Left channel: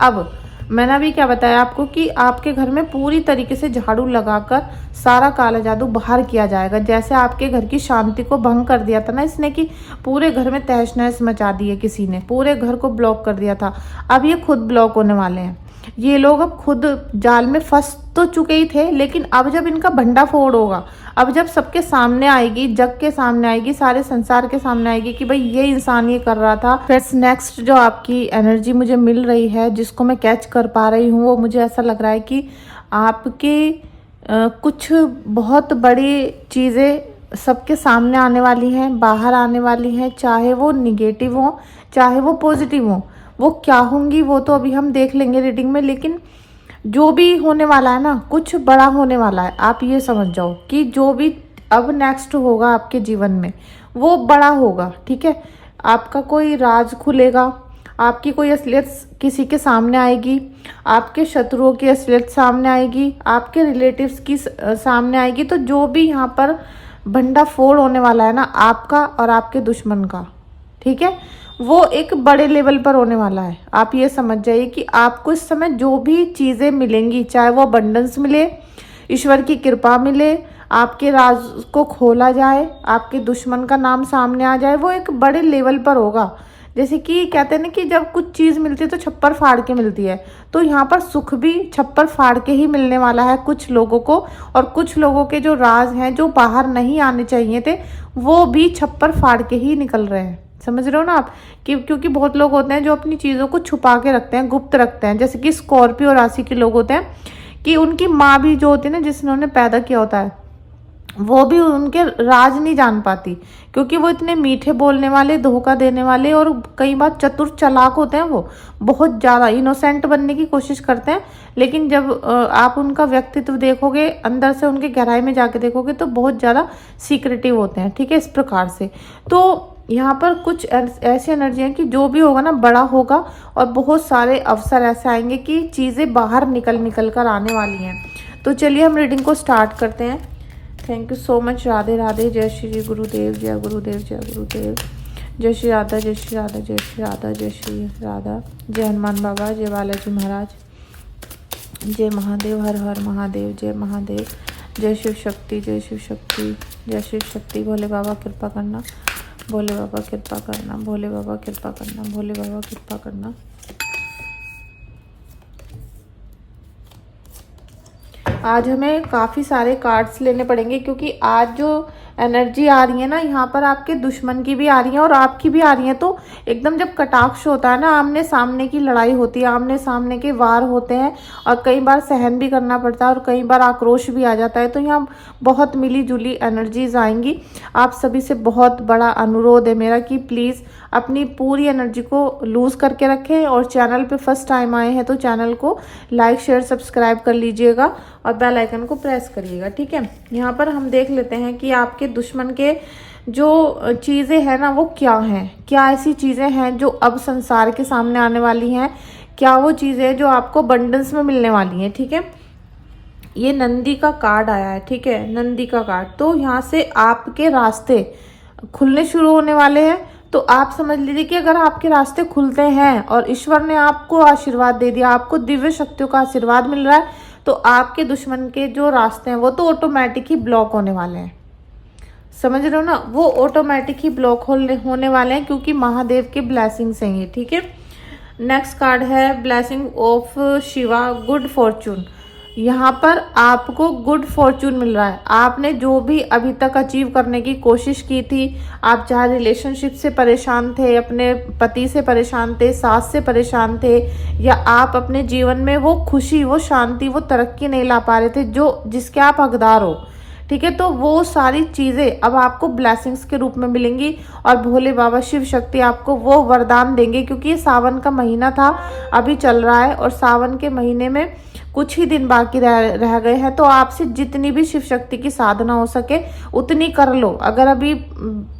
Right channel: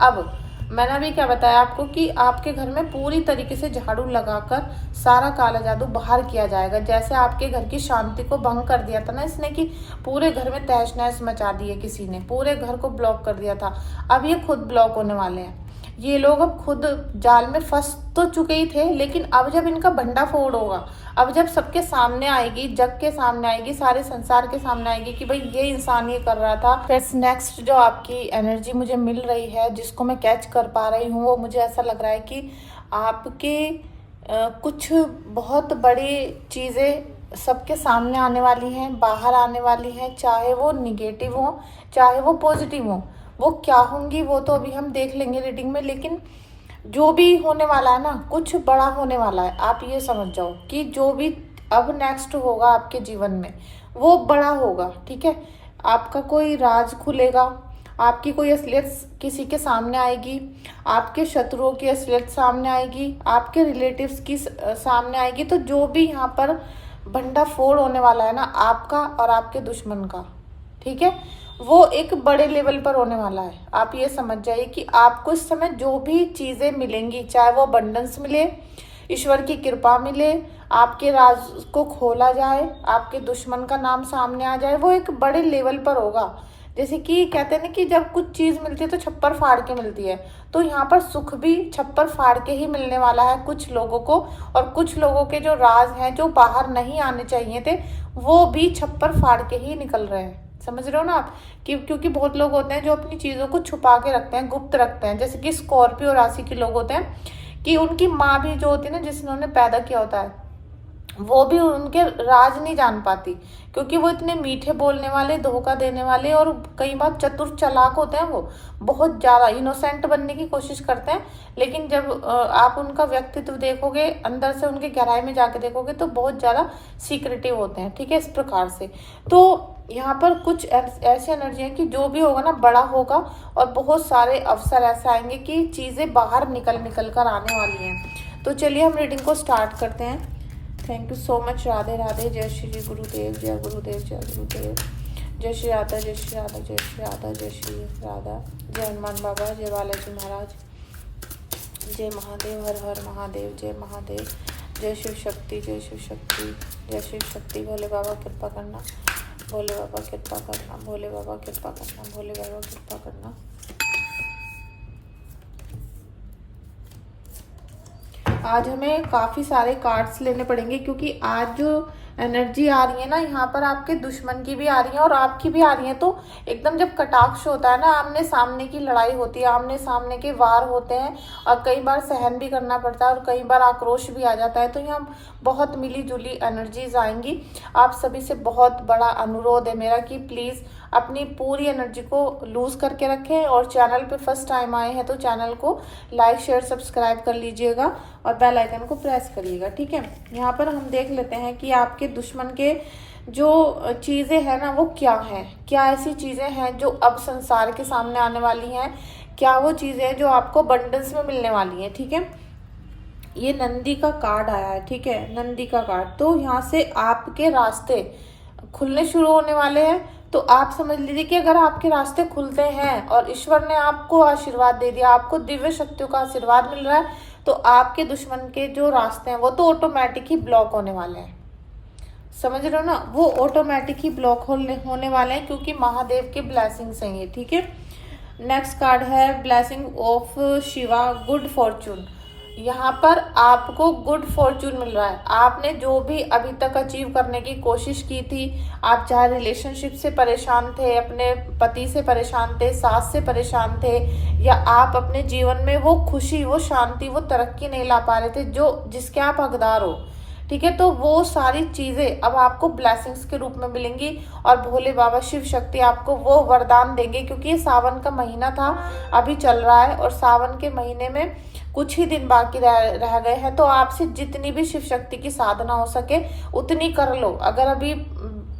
अब मैंने अभी क्या बताया आपको कि आपके घर में पूरी तरीके से झाड़ू लगाकर सारा काला जादू बाहर किया जाएगा। जैसे आपके घर की शांति को भंग कर दिया था ना इसने, कि पूरे घर में तहस नहस मचा दी है किसी ने, पूरे घर को ब्लॉक कर दिया था, अब ये खुद ब्लॉक होने वाले हैं। ये लोग अब खुद जाल में फंस तो चुके ही थे, लेकिन अब जब इनका भंडाफोड़ होगा, अब जब सबके सामने आएगी, जग के सामने आएगी, सारे संसार के सामने आएगी कि भाई ये इंसान ये कर रहा था। फ्रेंड्स, नेक्स्ट जो आपकी एनर्जी मुझे मिल रही है, जिसको मैं कैच कर पा रही हूँ, वो मुझे ऐसा लग रहा है कि आपके कुछ बहुत बड़ी चीज़ें सबके सामने आने वाली हैं, बाहर आने वाली हैं, चाहे वो निगेटिव हो चाहे वो पॉजिटिव हो। वो क्या होंगी वो तो अभी हम देख लेंगे रीडिंग में, लेकिन जो भी होने वाला है ना, कुछ बड़ा होने वाला है। आप ये समझ जाओ कि जो भी अब नेक्स्ट होगा आपके जीवन में वो बड़ा होगा, ठीक है। आपका कोई राज खुलेगा, आपकी कोई असलियत किसी के सामने आएगी, आपके शत्रुओं की असलियत सामने आएगी, आपके रिलेटिव्स की सामने आएगी। तो जो भी यहाँ पर भंडाफोड़ होने वाला है ना आपका और आपके दुश्मन का, ठीक है, वो एक बड़े लेवल पर होने वाला है। आप ये समझ जाइए कि आपको इस समय जो भी चीजें मिलेंगी, चाहे वो अबंडेंस मिले, ईश्वर की कृपा मिले, आपके राज को खोला जाए, आपके दुश्मन का नाम सामने आ जाए, वो एक बड़े लेवल पर होगा। जैसे कि कहते हैं ना कि जब कुछ चीज मिलती है तो छप्पर फाड़ के मिलती है, तो यहाँ पर सुख भी छप्पर फाड़ के ही मिलने वाला है कुछ लोगों को। और कुछ लोगों के जो राज हैं, जो बाहर नहीं आने चाहिए थे, वो भी छप्पर फाड़ के ही निकल रहे हैं। समझ रहे हो ना आप, कि क्योंकि बहुत लोग होते हैं जो अपनी चीजों को छुपा के रखते हैं, गुप्त रखते हैं। जैसे कि स्कॉर्पियो राशि के लोग होते हैं कि उनकी माँ भी जो होती है ना, जिसने उन्हें पैदा किया होता है, वो भी उनके राज नहीं जान पाती, क्योंकि वो इतने मीठे बोलने वाले, धोखा देने वाले और कई बार चतुर चालाक होते हैं। वो बहुत ज्यादा इनोसेंट बनने की कोशिश करते हैं, लेकिन जब आप उनका व्यक्तित्व देखोगे, अंदर से उनके गहराई में जाके देखोगे, तो बहुत ज्यादा सीक्रेटिव होते हैं, ठीक है, इस प्रकार से। तो यहाँ पर कुछ ऐसी एनर्जी है कि जो भी होगा ना बड़ा होगा, और बहुत सारे अवसर ऐसे आएंगे कि चीजें बाहर निकल कर आने वाली हैं। तो चलिए हम रीडिंग को स्टार्ट करते हैं। Thank you so much. Radhe Radhe. जय श्री गुरुदेव, जय गुरुदेव, जय गुरुदेव। जय श्री राधा, जय श्री राधा, जय श्री राधा, जय श्री राधा। जय हनुमान बाबा, जय बालाजी महाराज, जय महादेव, हर हर महादेव, जय महादेव। जय शिव शक्ति, जय शिव शक्ति, जय शिव शक्ति। भोले बाबा कृपा करना, भोले बाबा कृपा करना, भोले बाबा कृपा करना, भोले बाबा कृपा करना। आज हमें काफी सारे कार्ड्स लेने पड़ेंगे, क्योंकि आज जो एनर्जी आ रही है ना, यहाँ पर आपके दुश्मन की भी आ रही है और आपकी भी आ रही है। तो एकदम जब कटाक्ष होता है ना, आमने सामने की लड़ाई होती है, आमने सामने के वार होते हैं, और कई बार सहन भी करना पड़ता है और कई बार आक्रोश भी आ जाता है। तो यहाँ बहुत मिली जुली एनर्जीज आएंगी। आप सभी से बहुत बड़ा अनुरोध है मेरा कि प्लीज अपनी पूरी एनर्जी को लूज करके रखें, और चैनल पे फर्स्ट टाइम आए हैं तो चैनल को लाइक शेयर सब्सक्राइब कर लीजिएगा और बेल आइकन को प्रेस करिएगा, ठीक है। यहाँ पर हम देख लेते हैं कि आपके दुश्मन के जो चीजें हैं ना वो क्या हैं, क्या ऐसी चीजें हैं जो अब संसार के सामने आने वाली हैं, क्या वो चीजें हैं जो आपको बंडल्स में मिलने वाली हैं, ठीक है। ये नंदी का कार्ड आया है, ठीक है, नंदी का कार्ड। तो यहाँ से आपके रास्ते खुलने शुरू होने वाले हैं। तो आप समझ लीजिए कि अगर आपके रास्ते खुलते हैं और ईश्वर ने आपको आशीर्वाद दे दिया, आपको दिव्य शक्तियों का आशीर्वाद मिल रहा है, तो आपके दुश्मन के जो रास्ते हैं वो तो ऑटोमेटिक ही ब्लॉक होने वाले हैं। समझ रहे हो ना, वो ऑटोमेटिक ही ब्लॉक होने वाले हैं, क्योंकि महादेव के ब्लेसिंग्स हैं ये, ठीक है। नेक्स्ट कार्ड है blessing of Shiva, good Fortune. यहाँ पर आपको गुड फॉर्चून मिल रहा है। आपने जो भी अभी तक अचीव करने की कोशिश की थी, आप चाहे रिलेशनशिप से परेशान थे, अपने पति से परेशान थे, सास से परेशान थे, या आप अपने जीवन में वो खुशी, वो शांति, वो तरक्की नहीं ला पा रहे थे जो जिसके आप हकदार हो, ठीक है। तो वो सारी चीजें अब आपको ब्लेसिंग्स के रूप में मिलेंगी, और भोले बाबा शिव शक्ति आपको वो वरदान देंगे, क्योंकि ये सावन का महीना था, अभी चल रहा है, और सावन के महीने में कुछ ही दिन बाकी रह गए हैं। तो आपसे जितनी भी शिव शक्ति की साधना हो सके उतनी कर लो। अगर अभी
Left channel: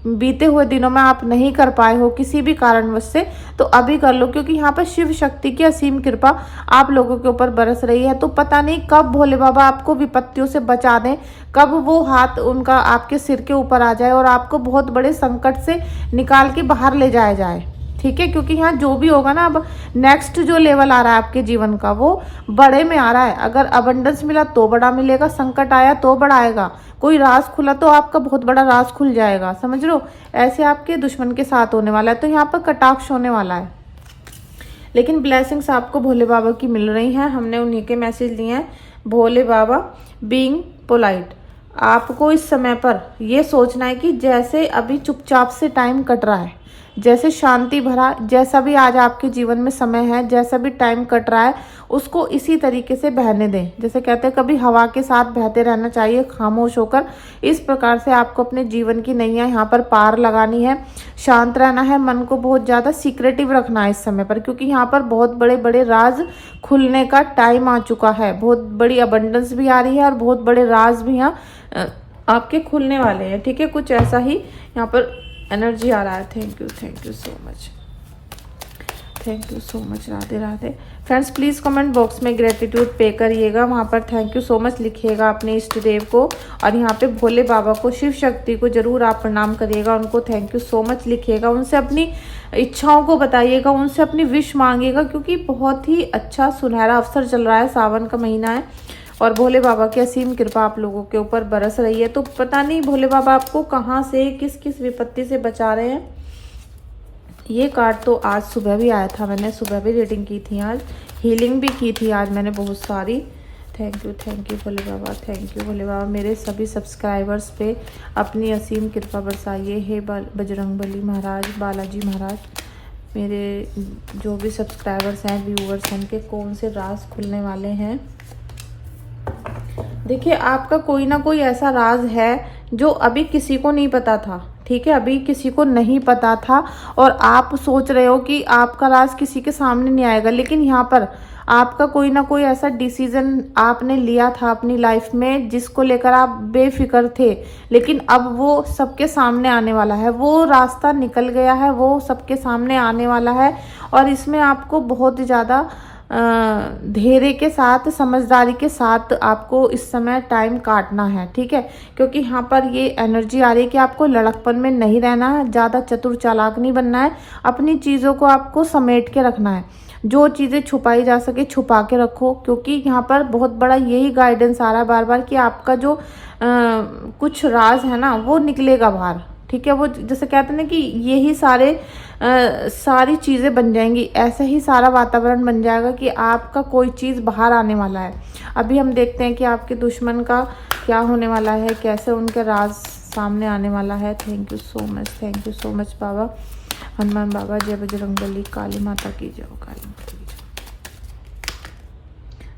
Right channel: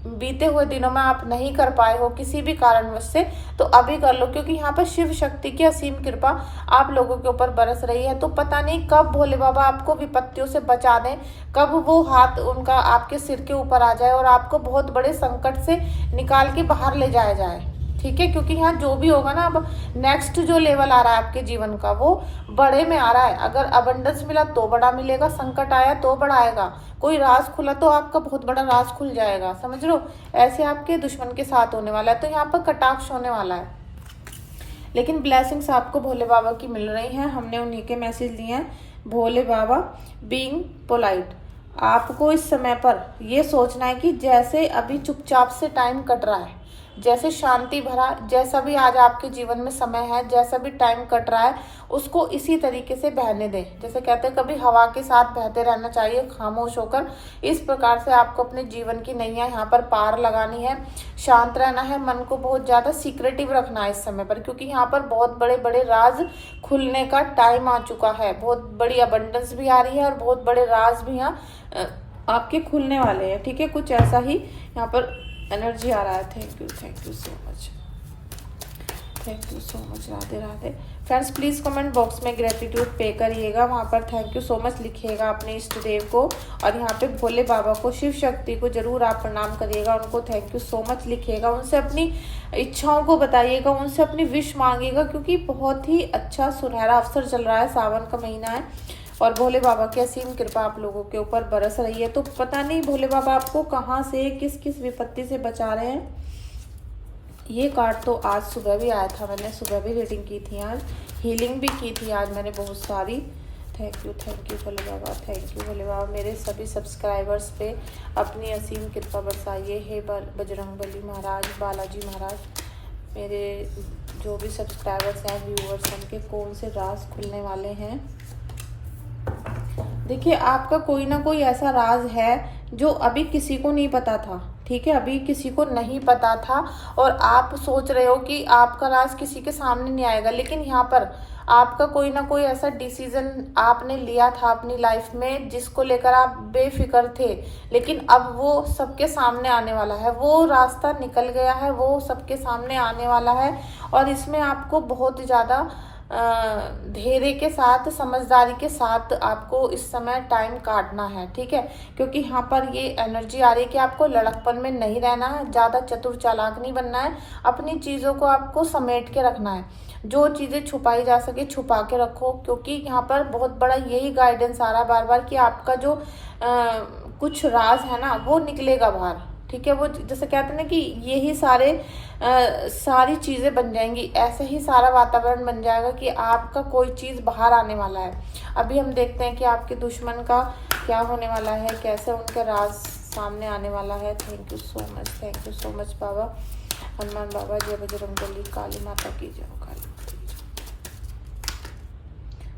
बीते हुए दिनों में आप नहीं कर पाए हो किसी भी कारणवश से, तो अभी कर लो, क्योंकि यहाँ पर शिव शक्ति की असीम कृपा आप लोगों के ऊपर बरस रही है। तो पता नहीं कब भोले बाबा आपको विपत्तियों से बचा दें, कब वो हाथ उनका आपके सिर के ऊपर आ जाए और आपको बहुत बड़े संकट से निकाल के बाहर ले जाया जाए, ठीक है, क्योंकि यहाँ जो भी होगा ना, अब नेक्स्ट जो लेवल आ रहा है आपके जीवन का वो बड़े में आ रहा है। अगर अबंडेंस मिला तो बड़ा मिलेगा, संकट आया तो बड़ा आएगा, कोई राज खुला तो आपका बहुत बड़ा राज खुल जाएगा, समझ लो। ऐसे आपके दुश्मन के साथ होने वाला है, तो यहाँ पर कटाक्ष होने वाला है। लेकिन ब्लेसिंग्स आपको भोले बाबा की मिल रही हैं, हमने उन्हीं के मैसेज लिए हैं। भोले बाबा बीइंग पोलाइट, आपको इस समय पर ये सोचना है कि जैसे अभी चुपचाप से टाइम कट रहा है, जैसे शांति भरा, जैसा भी आज आपके जीवन में समय है, जैसा भी टाइम कट रहा है, उसको इसी तरीके से बहने दें। जैसे कहते हैं कभी हवा के साथ बहते रहना चाहिए, खामोश होकर। इस प्रकार से आपको अपने जीवन की नैया यहाँ पर पार लगानी है, शांत रहना है, मन को बहुत ज्यादा सीक्रेटिव रखना है इस समय पर, क्योंकि यहाँ पर बहुत बड़े बड़े राज खुलने का टाइम आ चुका है। बहुत बड़ी अबंडेंस भी आ रही है और बहुत बड़े राज भी यहाँ आपके खुलने वाले हैं, ठीक है। कुछ ऐसा ही यहाँ पर एनर्जी आ रहा है। Thank you so much, thank you so much. Radhe Radhe. Friends please comment box में ग्रेटिट्यूड पे करिएगा, वहां पर थैंक यू सो मच लिखिएगा अपने इष्ट देव को, और यहाँ पे भोले बाबा को, शिव शक्ति को जरूर आप प्रणाम करिएगा, उनको थैंक यू सो मच लिखिएगा, उनसे अपनी इच्छाओं को बताइएगा, उनसे अपनी विश मांगिएगा, क्योंकि बहुत ही अच्छा सुनहरा अवसर चल रहा है, सावन का महीना है और भोले बाबा की असीम कृपा आप लोगों के ऊपर बरस रही है। तो पता नहीं भोले बाबा आपको कहाँ से, किस किस विपत्ति से बचा रहे हैं। ये कार्ड तो आज सुबह भी आया था, मैंने सुबह भी रीडिंग की थी, आज हीलिंग भी की थी आज मैंने बहुत सारी। Thank you Bhole Baba, thank you Bhole Baba. मेरे सभी सब्सक्राइबर्स पे अपनी असीम कृपा बरसाइए। हे बजरंगबली महाराज, बालाजी महाराज, मेरे जो भी सब्सक्राइबर्स हैं, व्यूवर्स हैं, के कौन से राज खुलने वाले हैं। देखिए आपका कोई ना कोई ऐसा राज है जो अभी किसी को नहीं पता था, ठीक है, अभी किसी को नहीं पता था और आप सोच रहे हो कि आपका राज किसी के सामने नहीं आएगा, लेकिन यहाँ पर आपका कोई ना कोई ऐसा डिसीजन आपने लिया था अपनी लाइफ में जिसको लेकर आप बेफिक्र थे, लेकिन अब वो सबके सामने आने वाला है, वो रास्ता निकल गया है, वो सबके सामने आने वाला है। और इसमें आपको बहुत ज़्यादा धैर्य के साथ, समझदारी के साथ आपको इस समय टाइम काटना है, ठीक है, क्योंकि यहाँ पर ये एनर्जी आ रही है कि आपको लड़कपन में नहीं रहना है, ज्यादा चतुर चालाक नहीं बनना है, अपनी चीजों को आपको समेट के रखना है, जो चीजें छुपाई जा सके छुपा के रखो, क्योंकि यहाँ पर बहुत बड़ा यही गाइडेंस आ रहा है बार बार कि आपका जो कुछ राज है ना वो निकलेगा बाहर, ठीक है। वो जैसे कहते हैं ना कि यही सारी चीजें बन जाएंगी, ऐसा ही सारा वातावरण बन जाएगा कि आपका कोई चीज बाहर आने वाला है। अभी हम देखते हैं कि आपके दुश्मन का क्या होने वाला है, कैसे उनके राज सामने आने वाला है। थैंक यू सो मच बाबा। हनुमान बाबा जय बजरंगबली, काली माता की जय, काली माता की जय।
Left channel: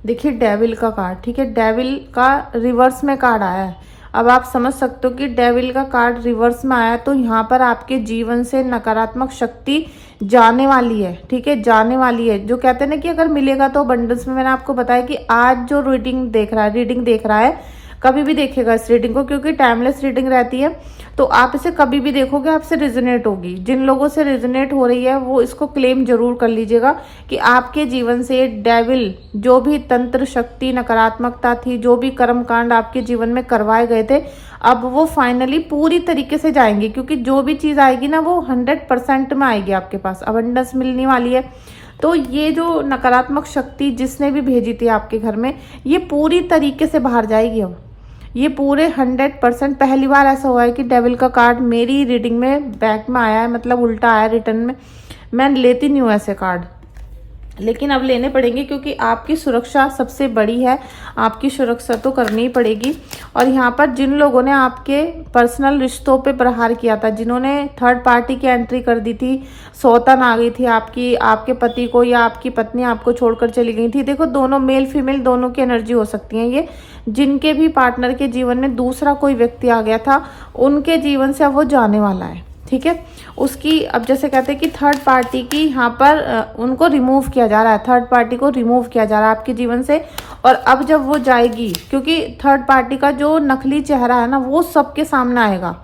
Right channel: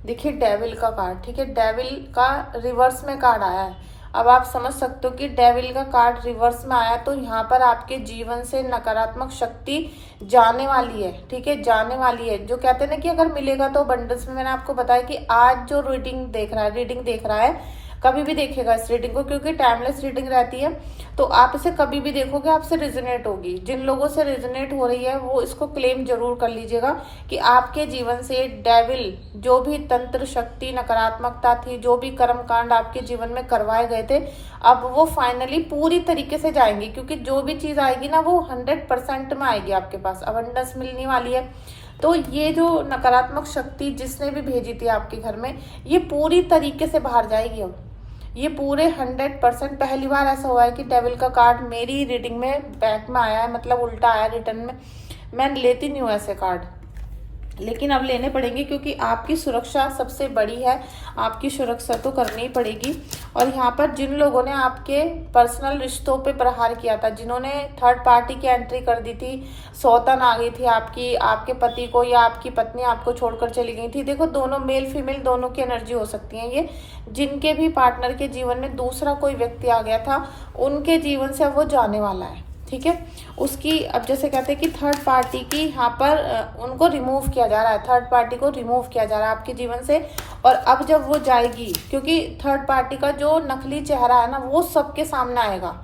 देखिए डेविल का कार्ड, ठीक है, डेविल का रिवर्स में कार्ड आया है। अब आप समझ सकते हो कि डेविल का कार्ड रिवर्स में आया, तो यहाँ पर आपके जीवन से नकारात्मक शक्ति जाने वाली है, ठीक है, जाने वाली है। जो कहते हैं ना कि अगर मिलेगा तो अबंडेंस में, मैंने आपको बताया कि आज जो रीडिंग देख रहा है कभी भी देखेगा इस रीडिंग को, क्योंकि टाइमलेस रीडिंग रहती है, तो आप इसे कभी भी देखोगे आपसे रिजोनेट होगी। जिन लोगों से रिजोनेट हो रही है वो इसको क्लेम जरूर कर लीजिएगा कि आपके जीवन से डेविल, जो भी तंत्र शक्ति नकारात्मकता थी, जो भी कर्म कांड आपके जीवन में करवाए गए थे, अब वो फाइनली पूरी तरीके से जाएंगे, क्योंकि जो भी चीज आएगी ना वो 100% में आएगी आपके पास, अबंडेंस मिलने वाली है। तो ये जो नकारात्मक शक्ति जिसने भी भेजी थी आपके घर में, ये पूरी तरीके से बाहर जाएगी। अब ये पूरे 100%, पहली बार ऐसा हुआ है कि डेविल का कार्ड मेरी रीडिंग में बैक में आया है, मतलब उल्टा आया रिटर्न में। मैं लेती नहीं हूँ ऐसे कार्ड, लेकिन अब लेने पड़ेंगे क्योंकि आपकी सुरक्षा सबसे बड़ी है, आपकी सुरक्षा तो करनी ही पड़ेगी। और यहाँ पर जिन लोगों ने आपके पर्सनल रिश्तों पे प्रहार किया था, जिन्होंने थर्ड पार्टी की एंट्री कर दी थी, सौतन आ गई थी आपके पति को, या आपकी पत्नी आपको छोड़कर चली गई थी। देखो दोनों मेल फीमेल दोनों की एनर्जी हो सकती है ये। जिनके भी पार्टनर के जीवन में दूसरा कोई व्यक्ति आ गया था, उनके जीवन से अब वो जाने वाला है, ठीक है। उसकी अब जैसे कहते हैं कि थर्ड पार्टी की यहाँ पर उनको रिमूव किया जा रहा है, थर्ड पार्टी को रिमूव किया जा रहा है आपके जीवन से। और अब जब वो जाएगी, क्योंकि थर्ड पार्टी का जो नकली चेहरा है ना वो सबके सामने आएगा,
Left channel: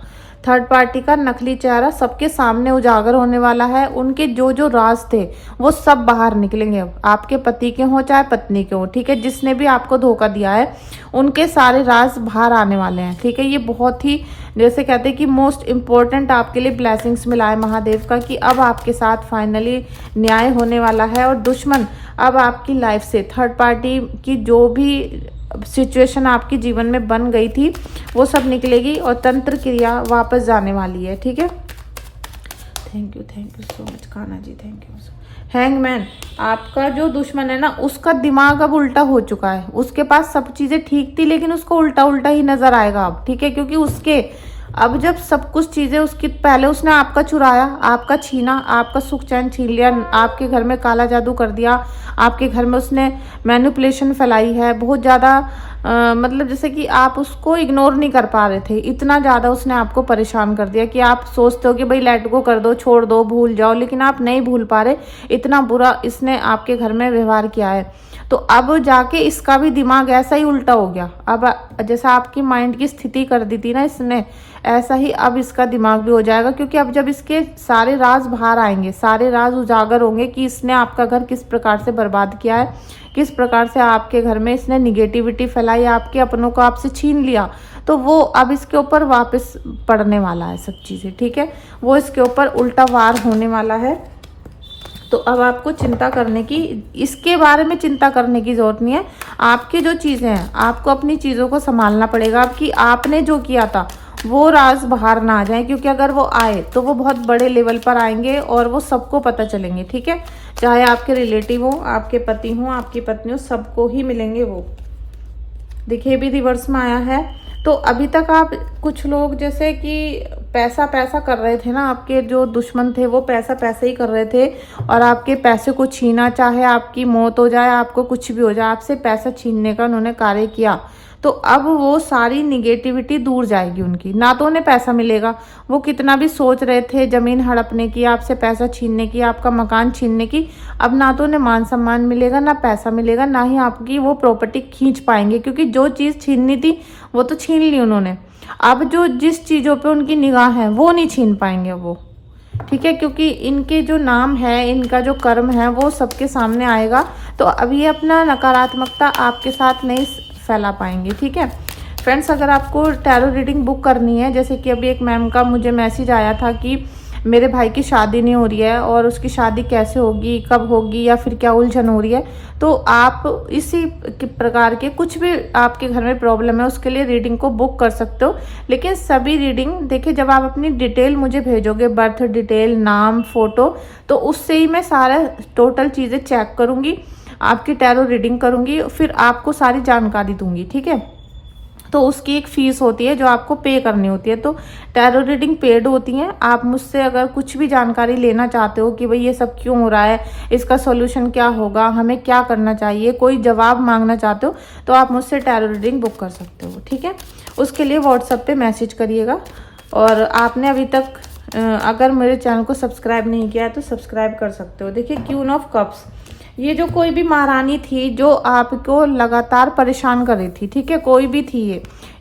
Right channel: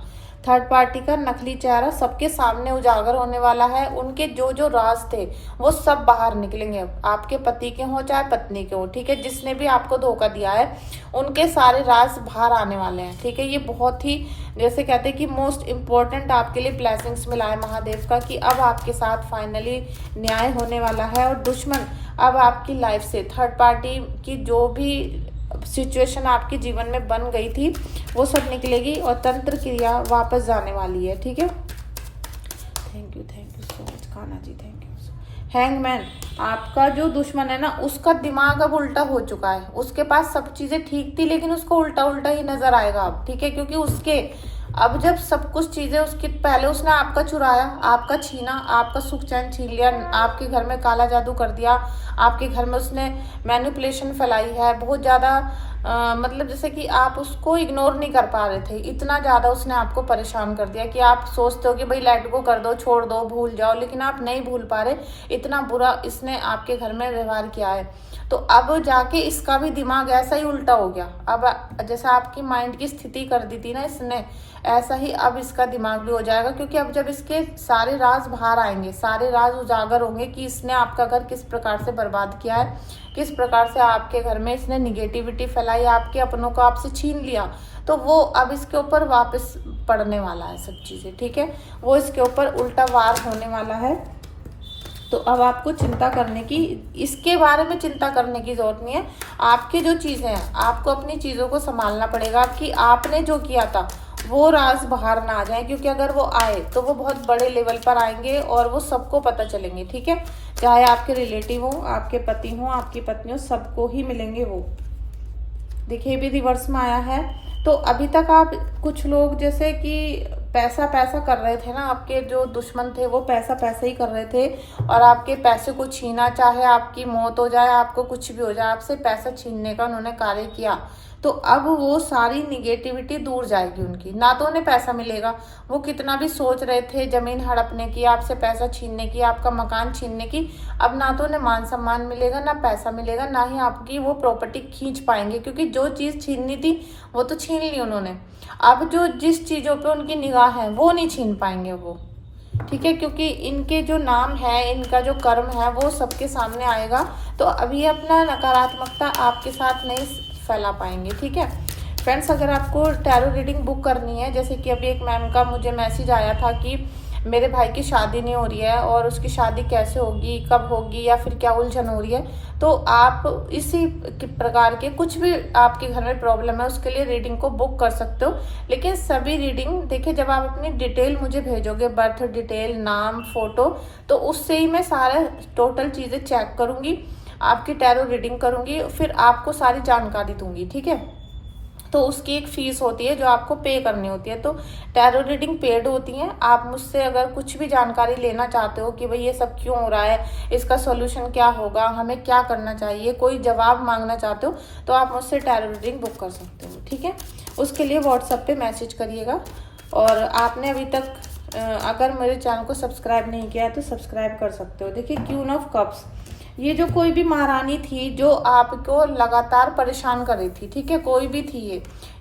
थर्ड पार्टी का नकली चेहरा सबके सामने उजागर होने वाला है। उनके जो जो राज थे वो सब बाहर निकलेंगे, आपके पति के हो चाहे पत्नी के हो, ठीक है। जिसने भी आपको धोखा दिया है उनके सारे राज बाहर आने वाले हैं, ठीक है। ये बहुत ही जैसे कहते हैं कि मोस्ट इम्पोर्टेंट आपके लिए ब्लेसिंग्स मिला है महादेव का, कि अब आपके साथ फाइनली न्याय होने वाला है। और दुश्मन अब आपकी लाइफ से, थर्ड पार्टी की जो भी सिचुएशन आपके जीवन में बन गई थी वो सब निकलेगी और तंत्र क्रिया वापस जाने वाली है, ठीक है। Thank you so much Kanha ji, thank you. Hangman, आपका जो दुश्मन है ना उसका दिमाग अब उल्टा हो चुका है। उसके पास सब चीजें ठीक थी लेकिन उसको उल्टा उल्टा ही नजर आएगा अब, ठीक है। क्योंकि उसके अब जब सब कुछ चीजें उसकी, पहले उसने आपका चुराया, आपका छीना, आपका सुख चैन छीन लिया, आपके घर में काला जादू कर दिया, आपके घर में उसने मैनिपुलेशन फैलाई है बहुत ज्यादा। मतलब जैसे कि आप उसको इग्नोर नहीं कर पा रहे थे, इतना ज्यादा उसने आपको परेशान कर दिया कि आप सोचते हो कि भाई लेट गो कर दो, छोड़ दो, भूल जाओ, लेकिन आप नहीं भूल पा रहे। इतना बुरा इसने आपके घर में व्यवहार किया है। तो अब जाके इसका भी दिमाग ऐसा ही उल्टा हो गया। अब जैसा आपकी माइंड की स्थिति कर दी थी ना इसने, ऐसा ही अब इसका दिमाग भी हो जाएगा। क्योंकि अब जब इसके सारे राज बाहर आएंगे, सारे राज उजागर होंगे कि इसने आपका घर किस प्रकार से बर्बाद किया है, किस प्रकार से आपके घर में इसने निगेटिविटी फैलाई, आपके अपनों को आपसे छीन लिया, तो वो अब इसके ऊपर वापस पड़ने वाला है सब चीजें, ठीक है। वो इसके ऊपर उल्टा वार होने वाला है। तो अब आपको चिंता करने की, इसके बारे में चिंता करने की जरूरत नहीं है। आपकी जो चीजें हैं आपको अपनी चीजों को संभालना पड़ेगा कि आपने जो किया था वो राज बाहर ना आ जाए। क्योंकि अगर वो आए तो वो बहुत बड़े लेवल पर आएंगे और वो सबको पता चलेंगे, ठीक है। चाहे आपके रिलेटिव हो, आपके पति हो, आपकी पत्नी हो, सबको ही मिलेंगे वो। देखिए भी रिवर्स में आया है। तो अभी तक आप कुछ लोग जैसे कि पैसा पैसा कर रहे थे ना, आपके जो दुश्मन थे वो पैसा पैसा ही कर रहे थे और आपके पैसे को छीना, चाहे आपकी मौत हो जाए, आपको कुछ भी हो जाए, आपसे पैसा छीनने का उन्होंने कार्य किया। तो अब वो सारी निगेटिविटी दूर जाएगी उनकी, ना तो उन्हें पैसा मिलेगा। वो कितना भी सोच रहे थे जमीन हड़पने की, आपसे पैसा छीनने की, आपका मकान छीनने की, अब ना तो उन्हें मान सम्मान मिलेगा, ना पैसा मिलेगा, ना ही आपकी वो प्रॉपर्टी खींच पाएंगे। क्योंकि जो चीज छीननी थी वो तो छीन ली उन्होंने। अब जो जिस चीजों पे उनकी निगाह है वो नहीं छीन पाएंगे वो, ठीक है। क्योंकि इनके जो नाम है, इनका जो कर्म है वो सबके सामने आएगा। तो अब ये अपना नकारात्मकता आपके साथ नहीं फैला पाएंगे, ठीक है। फ्रेंड्स, अगर आपको टैरो रीडिंग बुक करनी है, जैसे कि अभी एक मैम का मुझे मैसेज आया था कि मेरे भाई की शादी नहीं हो रही है और उसकी शादी कैसे होगी, कब होगी, या फिर क्या उलझन हो रही है, तो आप इसी प्रकार के कुछ भी आपके घर में प्रॉब्लम है उसके लिए रीडिंग को बुक कर सकते हो। लेकिन सभी रीडिंग देखिए, जब आप अपनी डिटेल मुझे भेजोगे, बर्थ डिटेल, नाम, फोटो, तो उससे ही मैं सारा टोटल चीजें चेक करूंगी, आपकी टैरो रीडिंग करूंगी, फिर आपको सारी जानकारी दूंगी, ठीक है। तो उसकी एक फीस होती है जो आपको पे करनी होती है। तो टैरो रीडिंग पेड होती है। आप मुझसे अगर कुछ भी जानकारी लेना चाहते हो कि भाई ये सब क्यों हो रहा है, इसका सॉल्यूशन क्या होगा, हमें क्या करना चाहिए, कोई जवाब मांगना चाहते हो, तो आप मुझसे टैरो रीडिंग बुक कर सकते हो, ठीक है। उसके लिए व्हाट्सएप पे मैसेज करिएगा। और आपने अभी तक अगर मेरे चैनल को सब्सक्राइब नहीं किया है तो सब्सक्राइब कर सकते हो। देखिए, क्वीन ऑफ कप्स, ये जो कोई भी महारानी थी जो आपको लगातार परेशान कर रही थी, ठीक है, कोई भी थी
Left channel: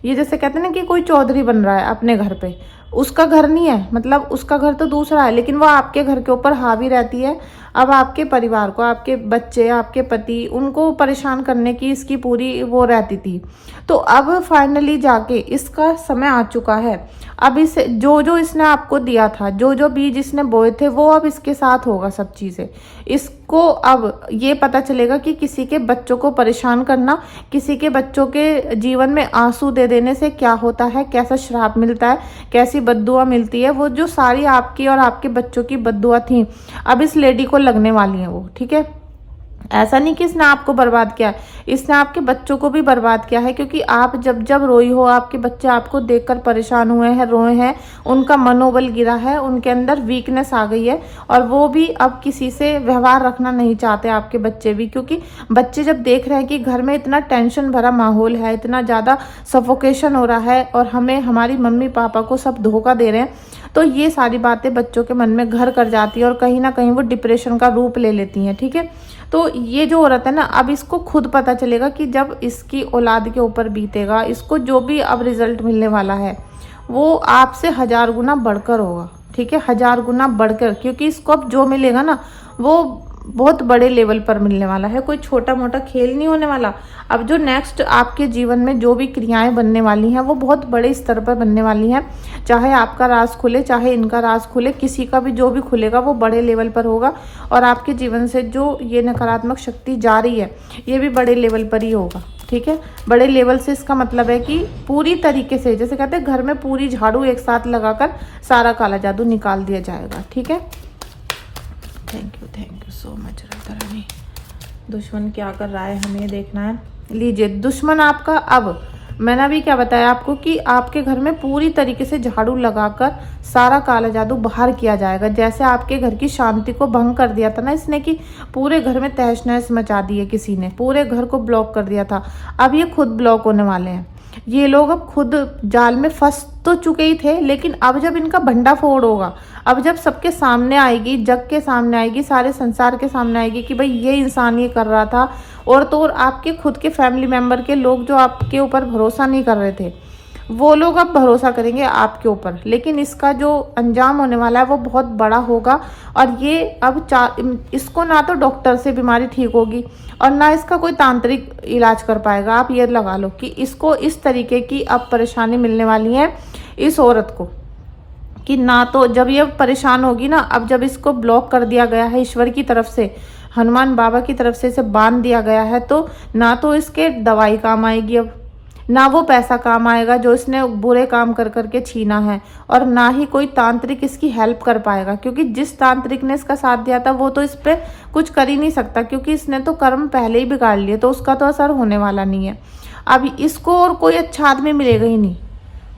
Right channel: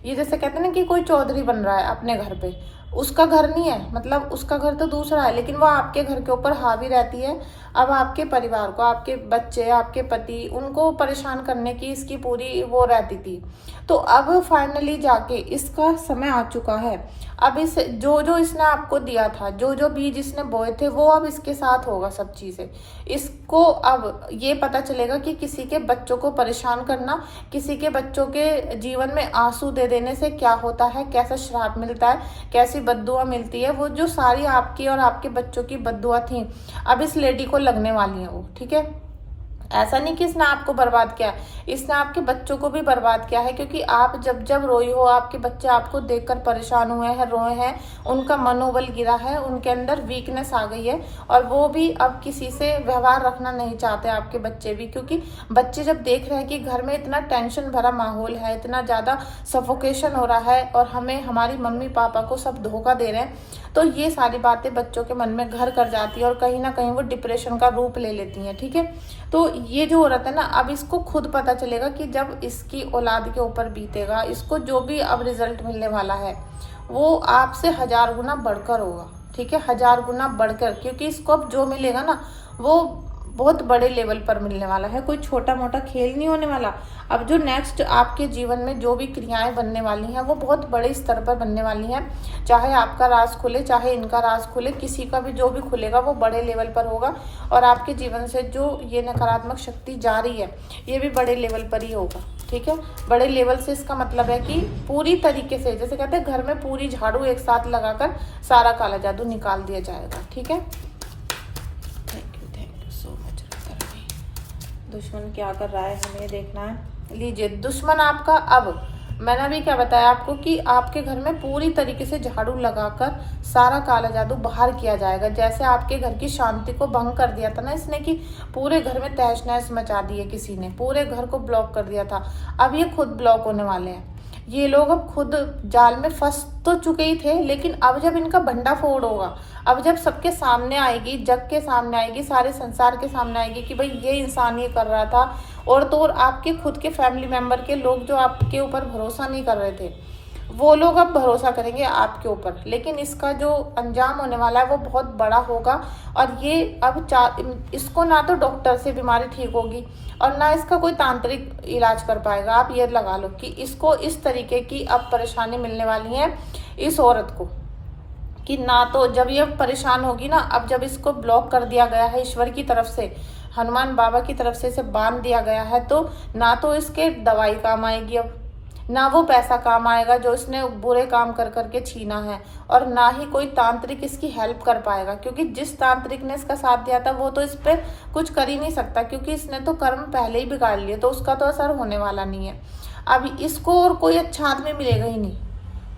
ये जैसे कहते हैं ना कि कोई चौधरी बन रहा है अपने घर पे, उसका घर नहीं है, मतलब उसका घर तो दूसरा है, लेकिन वो आपके घर के ऊपर हावी रहती है। अब आपके परिवार को, आपके बच्चे, आपके पति, उनको परेशान करने की इसकी पूरी वो रहती थी। तो अब फाइनली जाके इसका समय आ चुका है। अब इस जो जो इसने आपको दिया था, जो जो बीज इसने बोए थे, वो अब इसके साथ होगा सब चीजें। इसको अब ये पता चलेगा कि किसी के बच्चों को परेशान करना, किसी के बच्चों के जीवन में आंसू दे देने से क्या होता है, कैसा श्राप मिलता है, कैसी बद्दुआ मिलती है। वो जो सारी आपकी और आपके बच्चों की बद्दुआ थी अब इस लेडी को लगने वाली है वो, ठीक है। ऐसा नहीं कि इसने आपको बर्बाद किया है, इसने आपके बच्चों को भी बर्बाद किया है। क्योंकि आप जब जब रोई हो, आपके बच्चे आपको देखकर परेशान हुए हैं, रोए हैं, उनका मनोबल गिरा है, उनके अंदर वीकनेस आ गई है और वो भी अब किसी से व्यवहार रखना नहीं चाहते, आपके बच्चे भी। क्योंकि बच्चे जब देख रहे हैं कि घर में इतना टेंशन भरा माहौल है, इतना ज्यादा सफोकेशन हो रहा है और हमें हमारी मम्मी पापा को सब धोखा दे रहे हैं, तो ये सारी बातें बच्चों के मन में घर कर जाती है और कहीं ना कहीं वो डिप्रेशन का रूप ले लेती हैं, ठीक है। तो ये जो औरत है ना, अब इसको खुद पता चलेगा कि जब इसकी औलाद के ऊपर बीतेगा, इसको जो भी अब रिजल्ट मिलने वाला है वो आपसे 1000 गुना बढ़कर होगा, ठीक है, 1000 गुना बढ़कर, क्योंकि इसको अब जो मिलेगा ना वो बहुत बड़े लेवल पर मिलने वाला है, कोई छोटा मोटा खेल नहीं होने वाला। अब जो नेक्स्ट आपके जीवन में जो भी क्रियाएं बनने वाली हैं वो बहुत बड़े स्तर पर बनने वाली हैं। चाहे आपका राज खुले, चाहे इनका राज खुले, किसी का भी जो भी खुलेगा वो बड़े लेवल पर होगा। और आपके जीवन से जो ये नकारात्मक शक्ति जा रही है ये भी बड़े लेवल पर ही होगा, ठीक है। बड़े लेवल से इसका मतलब है कि पूरी तरीके से, जैसे कहते हैं घर में पूरी झाड़ू एक साथ लगाकर सारा काला जादू निकाल दिया जाएगा, ठीक है। Thank you so much Radha Rani. दुश्मन क्या कर रहा है हमें देखना है। लीजिए, दुश्मन आपका, अब मैंने अभी क्या बताया आपको कि आपके घर में पूरी तरीके से झाड़ू लगाकर सारा काला जादू बाहर किया जाएगा। जैसे आपके घर की शांति को भंग कर दिया था ना इसने, कि पूरे घर में तहस नहस मचा दी है किसी ने, पूरे घर को ब्लॉक कर दिया था, अब ये खुद ब्लॉक होने वाले हैं। ये लोग अब खुद जाल में फंस तो चुके ही थे, लेकिन अब जब इनका भंडाफोड़ होगा, अब जब सबके सामने आएगी, जग के सामने आएगी, सारे संसार के सामने आएगी कि भाई ये इंसान ये कर रहा था, और तो और आपके खुद के फैमिली मेंबर के लोग जो आपके ऊपर भरोसा नहीं कर रहे थे वो लोग अब भरोसा करेंगे आपके ऊपर। लेकिन इसका जो अंजाम होने वाला है वो बहुत बड़ा होगा। और ये अब इसको ना तो डॉक्टर से बीमारी ठीक होगी और ना इसका कोई तांत्रिक इलाज कर पाएगा। आप ये लगा लो कि इसको इस तरीके की अब परेशानी मिलने वाली है इस औरत को, कि ना तो जब ये परेशान होगी ना, अब जब इसको ब्लॉक कर दिया गया है ईश्वर की तरफ से, हनुमान बाबा की तरफ से इसे बांध दिया गया है, तो ना तो इसके दवाई काम आएगी, अब ना वो पैसा काम आएगा जो इसने बुरे काम कर करके छीना है, और ना ही कोई तांत्रिक इसकी हेल्प कर पाएगा, क्योंकि जिस तांत्रिक ने इसका साथ दिया था वो तो इस पे कुछ कर ही नहीं सकता, क्योंकि इसने तो कर्म पहले ही बिगाड़ लिए, तो उसका तो असर होने वाला नहीं है। अब इसको और कोई अच्छा आदमी मिलेगा ही नहीं,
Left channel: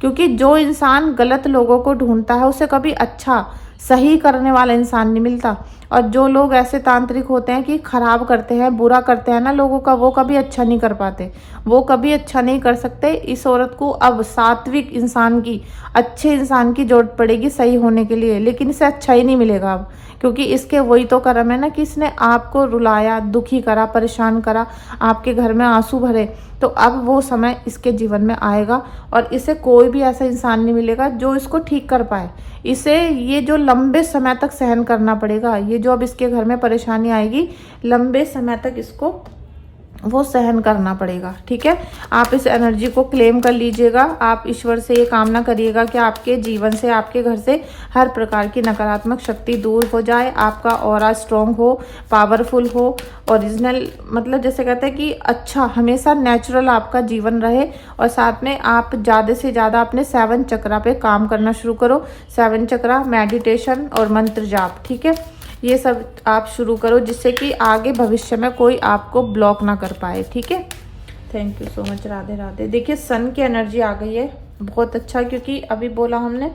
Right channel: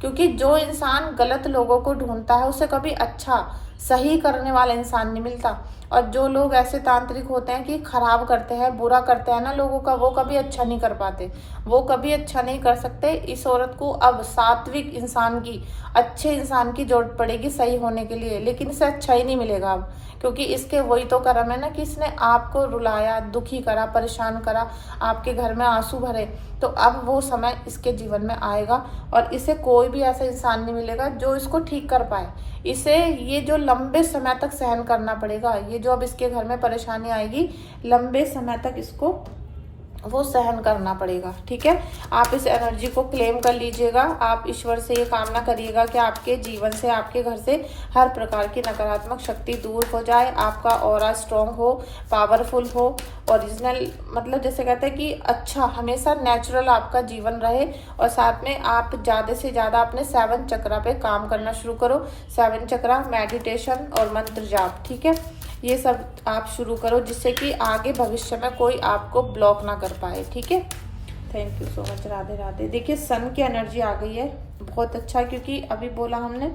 क्योंकि जो इंसान गलत लोगों को ढूंढता है उसे कभी अच्छा सही करने वाला इंसान नहीं मिलता। और जो लोग ऐसे तांत्रिक होते हैं कि खराब करते हैं, बुरा करते हैं ना लोगों का, वो कभी अच्छा नहीं कर पाते, वो कभी अच्छा नहीं कर सकते। इस औरत को अब सात्विक इंसान की, अच्छे इंसान की जरूरत पड़ेगी सही होने के लिए, लेकिन इसे अच्छा ही नहीं मिलेगा अब, क्योंकि इसके वही तो कर्म है ना कि इसने आपको रुलाया, दुखी करा, परेशान करा, आपके घर में आंसू भरे। तो अब वो समय इसके जीवन में आएगा और इसे कोई भी ऐसा इंसान नहीं मिलेगा जो इसको ठीक कर पाए। इसे ये जो लंबे समय तक सहन करना पड़ेगा, ये जो अब इसके घर में परेशानी आएगी, लंबे समय तक इसको वो सहन करना पड़ेगा, ठीक है। आप इस एनर्जी को क्लेम कर लीजिएगा। आप ईश्वर से ये कामना करिएगा कि आपके जीवन से, आपके घर से हर प्रकार की नकारात्मक शक्ति दूर हो जाए, आपका ऑरा स्ट्रॉन्ग हो, पावरफुल हो, ओरिजिनल, मतलब जैसे कहते हैं कि अच्छा, हमेशा नेचुरल आपका जीवन रहे। और साथ में आप ज़्यादा से ज़्यादा अपने 7 चक्रा पे काम करना शुरू करो। 7 चक्रा, मेडिटेशन और मंत्र जाप, ठीक है, ये सब आप शुरू करो, जिससे कि आगे भविष्य में कोई आपको ब्लॉक ना कर पाए, ठीक है। Thank you so much, Radhe Radhe. देखिए सन की एनर्जी आ गई है, बहुत अच्छा, क्योंकि अभी बोला हमने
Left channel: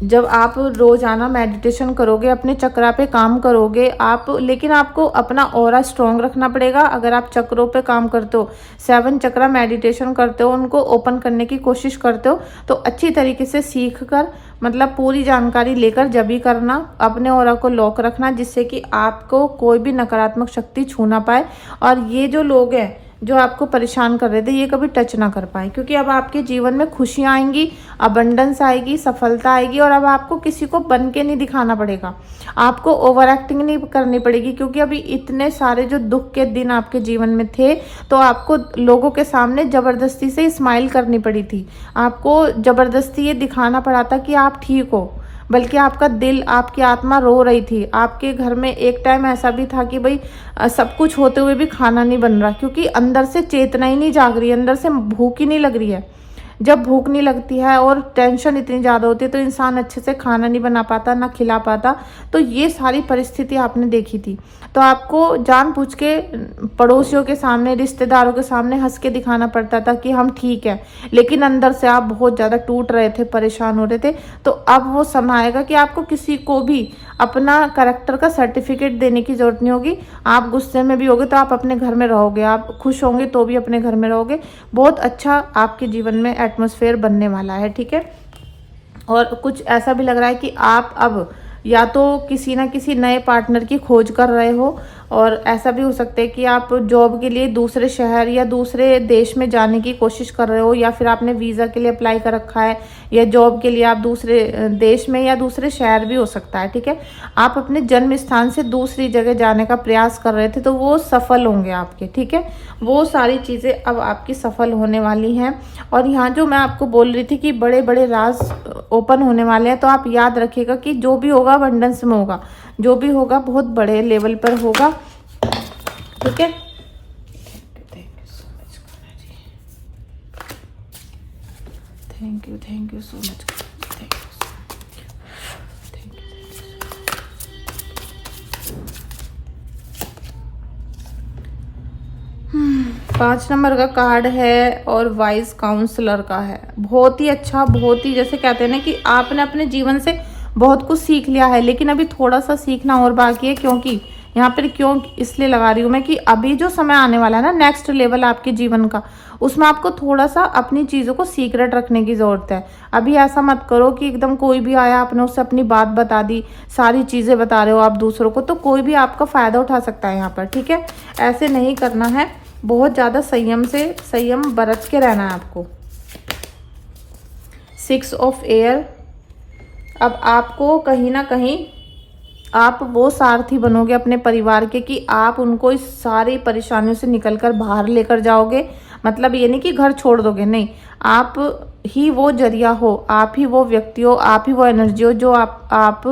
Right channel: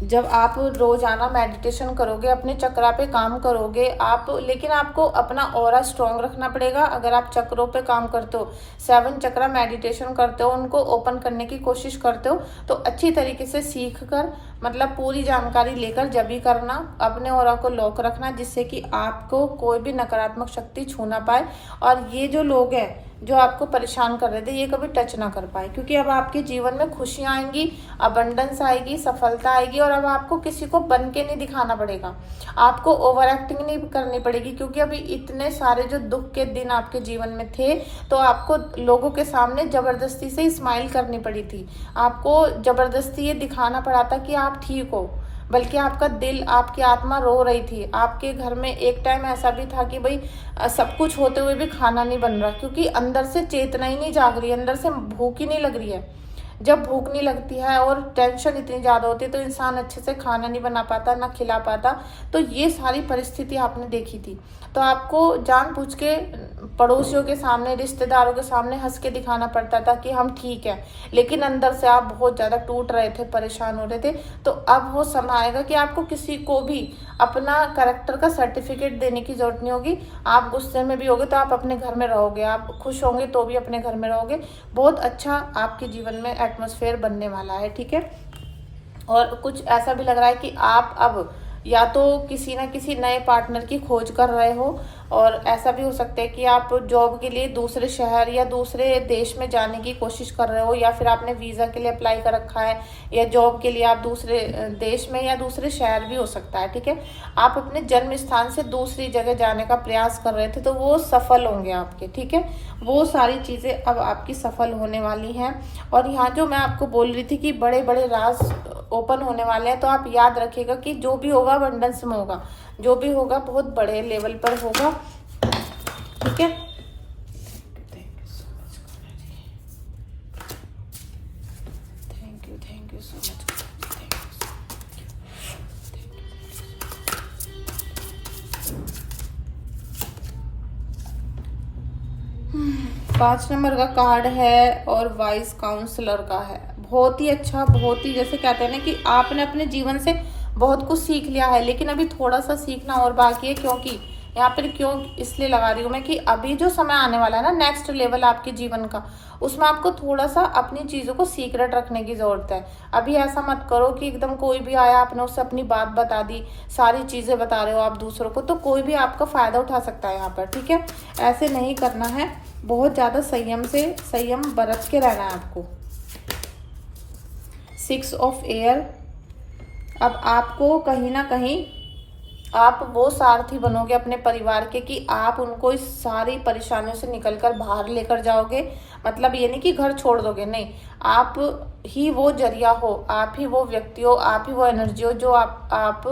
जब आप रोजाना मेडिटेशन करोगे, अपने चक्रा पे काम करोगे आप, लेकिन आपको अपना ऑरा स्ट्रॉन्ग रखना पड़ेगा। अगर आप चक्रों पे काम करते हो, 7 चक्रा मेडिटेशन करते हो, उनको ओपन करने की कोशिश करते हो, तो अच्छी तरीके से सीख कर, मतलब पूरी जानकारी लेकर जब भी करना, अपने ऑरा को लॉक रखना, जिससे कि आपको कोई भी नकारात्मक शक्ति छू ना पाए। और ये जो लोग हैं जो आपको परेशान कर रहे थे, ये कभी टच ना कर पाए, क्योंकि अब आपके जीवन में खुशियां आएंगी, अबंडेंस आएगी, सफलता आएगी। और अब आपको किसी को बन के नहीं दिखाना पड़ेगा, आपको ओवर एक्टिंग नहीं करनी पड़ेगी, क्योंकि अभी इतने सारे जो दुख के दिन आपके जीवन में थे, तो आपको लोगों के सामने जबरदस्ती से स्माइल करनी पड़ी थी, आपको जबरदस्ती ये दिखाना पड़ा था कि आप ठीक हो, बल्कि आपका दिल, आपकी आत्मा रो रही थी। आपके घर में एक टाइम ऐसा भी था कि भाई सब कुछ होते हुए भी खाना नहीं बन रहा, क्योंकि अंदर से चेतना ही नहीं जाग रही है, अंदर से भूख ही नहीं लग रही है। जब भूख नहीं लगती है और टेंशन इतनी ज़्यादा होती है तो इंसान अच्छे से खाना नहीं बना पाता, ना खिला पाता। तो ये सारी परिस्थिति आपने देखी थी, तो आपको जानबूझ के पड़ोसियों के सामने, रिश्तेदारों के सामने हंस के दिखाना पड़ता था कि हम ठीक हैं, लेकिन अंदर से आप बहुत ज़्यादा टूट रहे थे, परेशान हो रहे थे। तो अब वो समय आएगा कि आपको किसी को भी अपना कैरेक्टर का सर्टिफिकेट देने की जरूरत नहीं होगी। आप गुस्से में भी होगे तो आप अपने घर में रहोगे, आप खुश होंगे तो भी अपने घर में रहोगे। बहुत अच्छा आपके जीवन में एटमॉस्फेयर बनने वाला है, ठीक है। और कुछ ऐसा भी लग रहा है कि आप अब या तो किसी ना किसी नए पार्टनर की खोज कर रहे हो, और ऐसा भी हो सकता है कि आप जॉब के लिए दूसरे शहर या दूसरे देश में जाने की कोशिश कर रहे हो, या फिर आपने वीज़ा के लिए अप्लाई कर रखा है, या जॉब के लिए आप दूसरे देश में या दूसरे शहर भी हो सकता है, ठीक है। आप अपने जन्म स्थान से दूसरी जगह जाने का प्रयास कर रहे थे, तो वो सफल होंगे आपके, ठीक है। वो सारी चीज़ें अब आपकी सफल होने वाली हैं। और यहाँ जो मैं आपको बोल रही थी कि बड़े बड़े राज ओपन होने वाले हैं, तो आप याद रखिएगा कि जो भी होगा अबंडेंस में होगा, जो भी होगा बहुत बड़े लेवल पर होगा, ठीक है। Thank you so much. 5 number का कार्ड है और वाइज काउंसलर का है। बहुत ही अच्छा, बहुत ही, जैसे कहते हैं ना कि आपने अपने जीवन से बहुत कुछ सीख लिया है, लेकिन अभी थोड़ा सा सीखना और बाकी है। क्योंकि यहाँ पर क्यों इसलिए लगा रही हूँ मैं कि अभी जो समय आने वाला है ना, नेक्स्ट लेवल आपके जीवन का, उसमें आपको थोड़ा सा अपनी चीज़ों को सीक्रेट रखने की ज़रूरत है। अभी ऐसा मत करो कि एकदम कोई भी आया आपने उससे अपनी बात बता दी, सारी चीज़ें बता रहे हो आप दूसरों को, तो कोई भी आपका फ़ायदा उठा सकता है यहाँ पर, ठीक है। ऐसे नहीं करना है, बहुत ज़्यादा संयम बरत के रहना है आपको। 6 ऑफ एयर। अब आपको कहीं ना कहीं आप वो सारथी बनोगे अपने परिवार के कि आप उनको इस सारी परेशानियों से निकलकर बाहर लेकर जाओगे। मतलब ये नहीं कि घर छोड़ दोगे, नहीं, आप ही वो जरिया हो, आप ही वो व्यक्ति हो, आप ही वो एनर्जी हो जो आप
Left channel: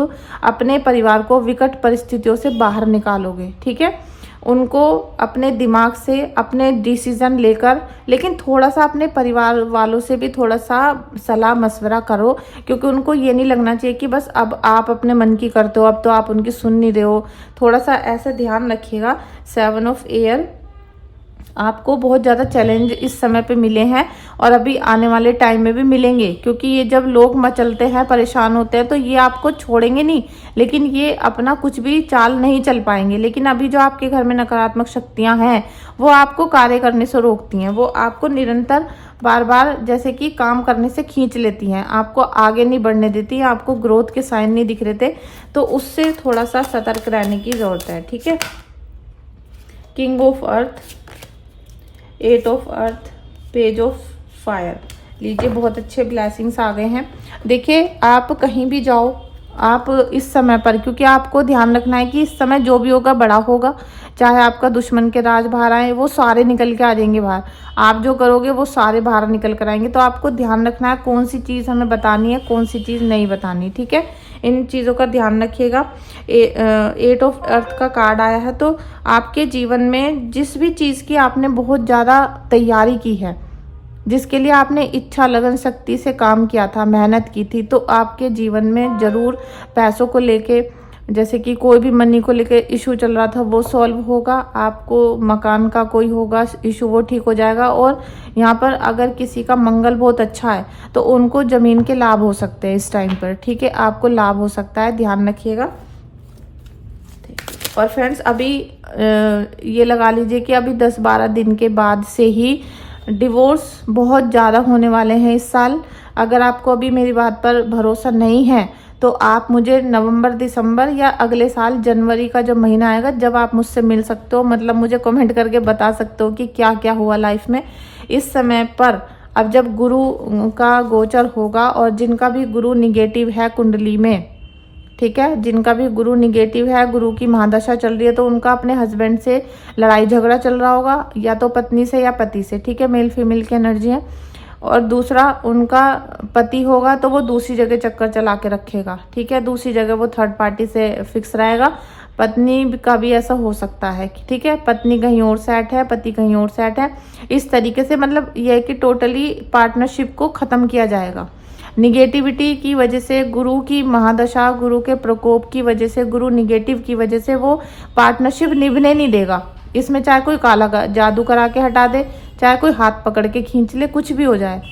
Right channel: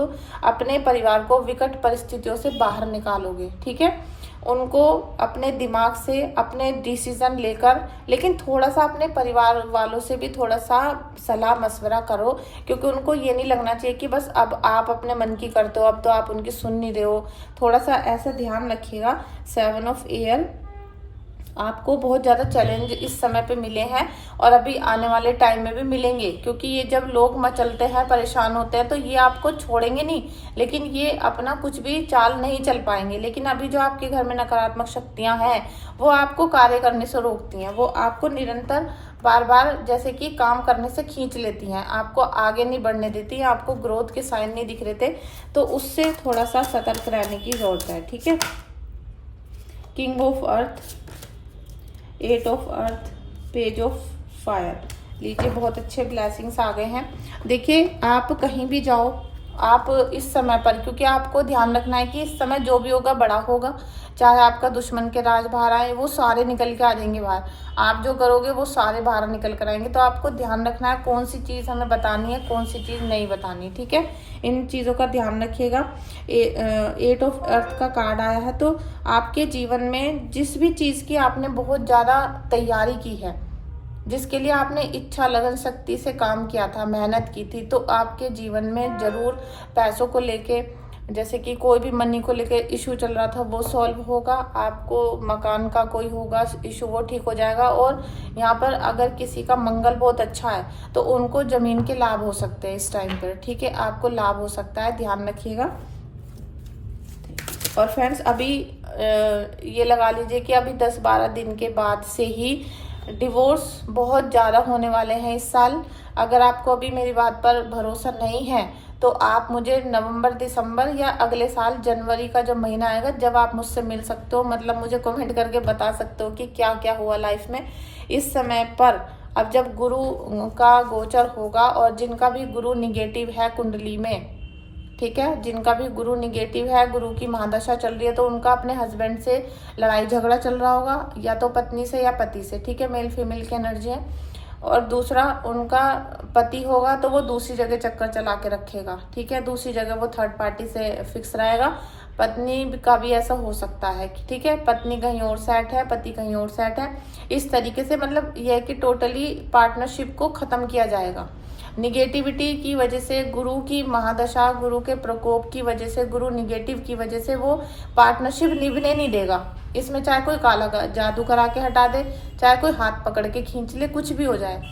अपने परिवार को विकट परिस्थितियों से बाहर निकालोगे, ठीक है। उनको अपने दिमाग से अपने डिसीजन लेकर, लेकिन थोड़ा सा अपने परिवार वालों से भी थोड़ा सा सलाह मशवरा करो, क्योंकि उनको ये नहीं लगना चाहिए कि बस अब आप अपने मन की करते हो, अब तो आप उनकी सुन नहीं रहे हो। थोड़ा सा ऐसे ध्यान रखिएगा। 7 ऑफ एयर। आपको बहुत ज़्यादा चैलेंज इस समय पे मिले हैं और अभी आने वाले टाइम में भी मिलेंगे, क्योंकि ये जब लोग मचलते हैं, परेशान होते हैं, तो ये आपको छोड़ेंगे नहीं, लेकिन ये अपना कुछ भी चाल नहीं चल पाएंगे। लेकिन अभी जो आपके घर में नकारात्मक शक्तियां हैं, वो आपको कार्य करने से रोकती हैं, वो आपको निरंतर बार बार जैसे कि काम करने से खींच लेती हैं, आपको आगे नहीं बढ़ने देती, आपको ग्रोथ के साइन नहीं दिख रहे थे, तो उससे थोड़ा सा सतर्क रहने की जरूरत है, ठीक है। King of earth, 8 of earth, page of fire. लीजिए, बहुत अच्छे ब्लेसिंग्स आ गए हैं। देखिए, आप कहीं भी जाओ, आप इस समय पर, क्योंकि आपको ध्यान रखना है कि इस समय जो भी होगा बड़ा होगा, चाहे आपका दुश्मन के राज बाहर आए, वो सारे निकल के आ जाएंगे बाहर। आप जो करोगे वो सारे बाहर निकल कर आएंगे। तो आपको ध्यान रखना है कौन सी चीज़ हमें बतानी है, कौन सी चीज़ नहीं बतानी, ठीक है। इन चीज़ों का ध्यान रखिएगा। 8 ऑफ अर्थ का कार्ड आया है, तो आपके जीवन में जिस भी चीज़ की आपने बहुत ज़्यादा तैयारी की है, जिसके लिए आपने इच्छा लगन शक्ति से काम किया था, मेहनत की थी, तो आपके जीवन में जरूर पैसों को लेके, जैसे कि कोई भी मनी को लेके इशू चल रहा था, वो सॉल्व होगा। आपको मकान का कोई होगा इशू, वो ठीक हो जाएगा। और यहाँ पर अगर किसी का मंगल बहुत अच्छा है, तो उनको जमीन के लाभ हो सकते हैं इस टाइम पर, ठीक है। आपको लाभ हो सकता है, ध्यान रखिएगा। और फ्रेंड्स, अभी ये लगा लीजिए कि अभी 10-12 दिन के बाद से ही डिवोर्स बहुत ज़्यादा होने वाले हैं इस साल। अगर आपको अभी मेरी बात पर भरोसा नहीं है, तो आप मुझे नवंबर, दिसंबर या अगले साल जनवरी का जो महीना आएगा, जब आप मुझसे मिल सकते हो, मतलब मुझे कमेंट करके बता सकते हो कि क्या क्या हुआ लाइफ में इस समय पर। अब जब गुरु का गोचर होगा, और जिनका भी गुरु निगेटिव है कुंडली में, ठीक है, जिनका भी गुरु निगेटिव है, गुरु की महादशा चल रही है, तो उनका अपने हस्बैंड से लड़ाई झगड़ा चल रहा होगा, या तो पत्नी से या पति से, ठीक है। मेल फीमेल की एनर्जी है। और दूसरा, उनका पति होगा तो वो दूसरी जगह चक्कर चला के रखेगा, ठीक है, दूसरी जगह वो थर्ड पार्टी से फिक्स रहेगा। पत्नी का भी ऐसा हो सकता है, ठीक है, पत्नी कहीं और सेट है, पति कहीं और सेट है। इस तरीके से मतलब यह है कि टोटली पार्टनरशिप को खत्म किया जाएगा। निगेटिविटी की वजह से, गुरु की महादशा, गुरु के प्रकोप की वजह से, गुरु निगेटिव की वजह से वो पार्टनरशिप निभने नहीं देगा। इसमें चाहे कोई काला जादू करा के हटा दे, चाहे कोई हाथ पकड़ के खींच ले, कुछ भी हो जाए,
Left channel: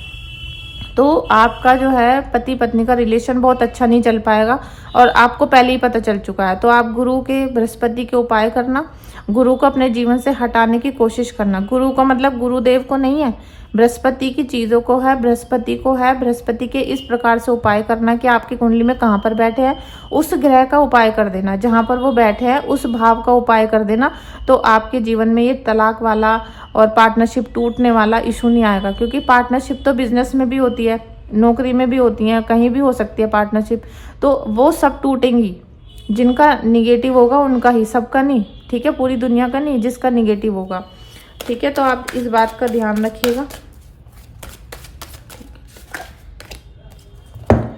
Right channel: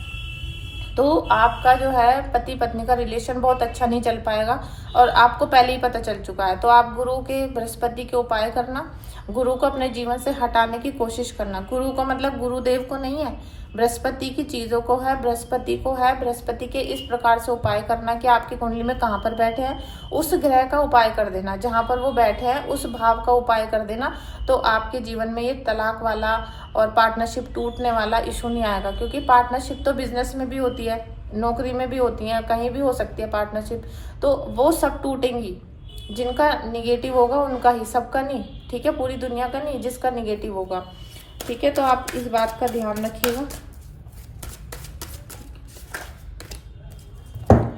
तो आपका जो है पति पत्नी का रिलेशन बहुत अच्छा नहीं चल पाएगा। और आपको पहले ही पता चल चुका है। तो आप गुरु के, बृहस्पति के उपाय करना, गुरु को अपने जीवन से हटाने की कोशिश करना। गुरु का मतलब गुरुदेव को नहीं है, बृहस्पति की चीजों को है, बृहस्पति को है। बृहस्पति के इस प्रकार से उपाय करना कि आपकी कुंडली में कहाँ पर बैठे हैं उस ग्रह का उपाय कर देना, जहां पर वो बैठे हैं उस भाव का उपाय कर देना। तो आपके जीवन में ये तलाक वाला और पार्टनरशिप टूटने वाला इशू नहीं आएगा, क्योंकि पार्टनरशिप तो बिजनेस में भी होती है, नौकरी में भी होती है, कहीं भी हो सकती है पार्टनरशिप, तो वो सब टूटेंगी। जिनका निगेटिव होगा उनका ही, सबका नहीं, ठीक है, पूरी दुनिया का नहीं, जिसका निगेटिव होगा, ठीक है। तो आप इस बात का ध्यान रखिएगा।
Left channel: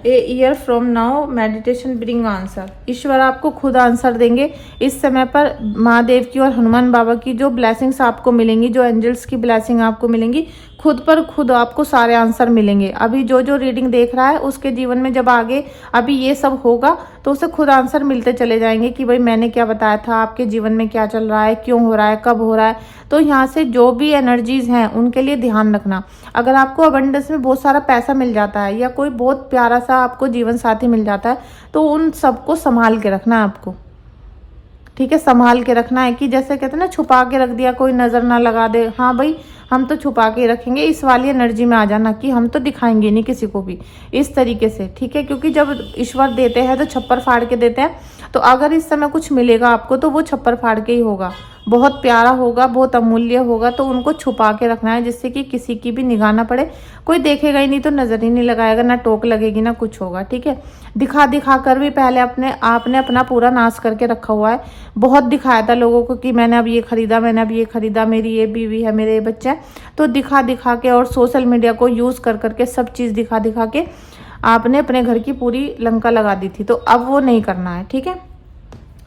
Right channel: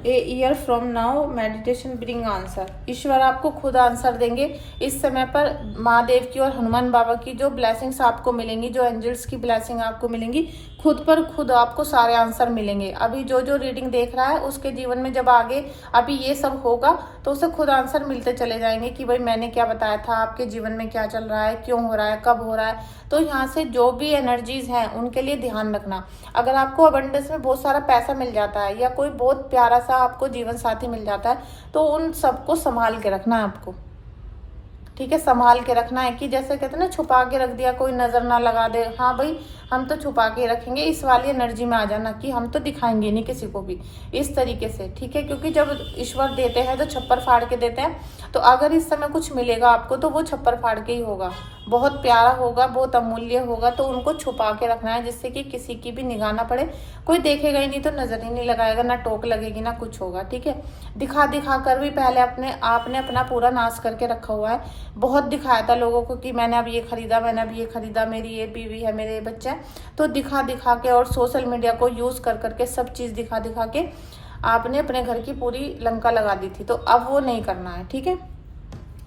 A year from now meditation bring answer. ईश्वर आपको खुद आंसर देंगे। इस समय पर महादेव की और हनुमान बाबा की जो ब्लेसिंग्स आपको मिलेंगी, जो एंजल्स की ब्लेसिंग आपको मिलेंगी, खुद पर खुद आपको सारे आंसर मिलेंगे। अभी जो जो रीडिंग देख रहा है उसके जीवन में जब आगे अभी ये सब होगा तो उसे खुद आंसर मिलते चले जाएंगे कि भाई मैंने क्या बताया था, आपके जीवन में क्या चल रहा है, क्यों हो रहा है, कब हो रहा है। तो यहाँ से जो भी एनर्जीज हैं उनके लिए ध्यान रखना। अगर आपको अबंडेंस में बहुत सारा पैसा मिल जाता है या कोई बहुत प्यारा सा आपको जीवन साथी मिल जाता है तो उन सबको संभाल के रखना है आपको, ठीक है, संभाल के रखना है। कि जैसे कहते हैं ना, छुपा के रख दिया, कोई नजर ना लगा दे, हाँ भाई हम तो छुपा के रखेंगे, इस वाली एनर्जी में आ जाना कि हम तो दिखाएंगे नहीं किसी को भी, इस तरीके से, ठीक है। क्योंकि जब ईश्वर देते हैं तो छप्पर फाड़ के देते हैं। तो अगर इस समय कुछ मिलेगा आपको तो वो छप्पर फाड़ के ही होगा, बहुत प्यारा होगा, बहुत अमूल्य होगा। तो उनको छुपा के रखना है जिससे कि किसी की भी निगाह ना पड़े, कोई देखेगा ही नहीं तो नजर ही नहीं लगाएगा, ना टोक लगेगी ना कुछ होगा, ठीक है। दिखा दिखा कर भी पहले आपने अपना पूरा नाश करके रखा हुआ है। बहुत दिखाया था लोगों को कि मैंने अब ये खरीदा, मैंने अब ये खरीदा, मेरी ये बीवी है, मेरे ये बच्चे हैं। तो दिखा दिखा के और सोशल मीडिया को यूज कर करके सब चीज दिखा दिखा के आपने अपने घर की पूरी लंका लगा दी थी। तो अब वो नहीं करना है, ठीक है।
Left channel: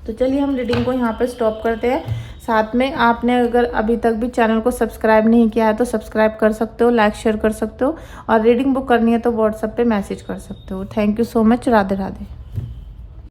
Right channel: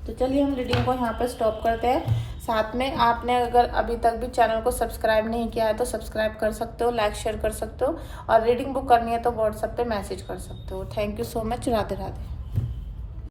तो चलिए हम रीडिंग को यहाँ पर स्टॉप करते हैं। साथ में आपने अगर अभी तक भी चैनल को सब्सक्राइब नहीं किया है तो सब्सक्राइब कर सकते हो, लाइक शेयर कर सकते हो, और रीडिंग बुक करनी है तो व्हाट्सएप पे मैसेज कर सकते हो। Thank you so much. Radhe Radhe.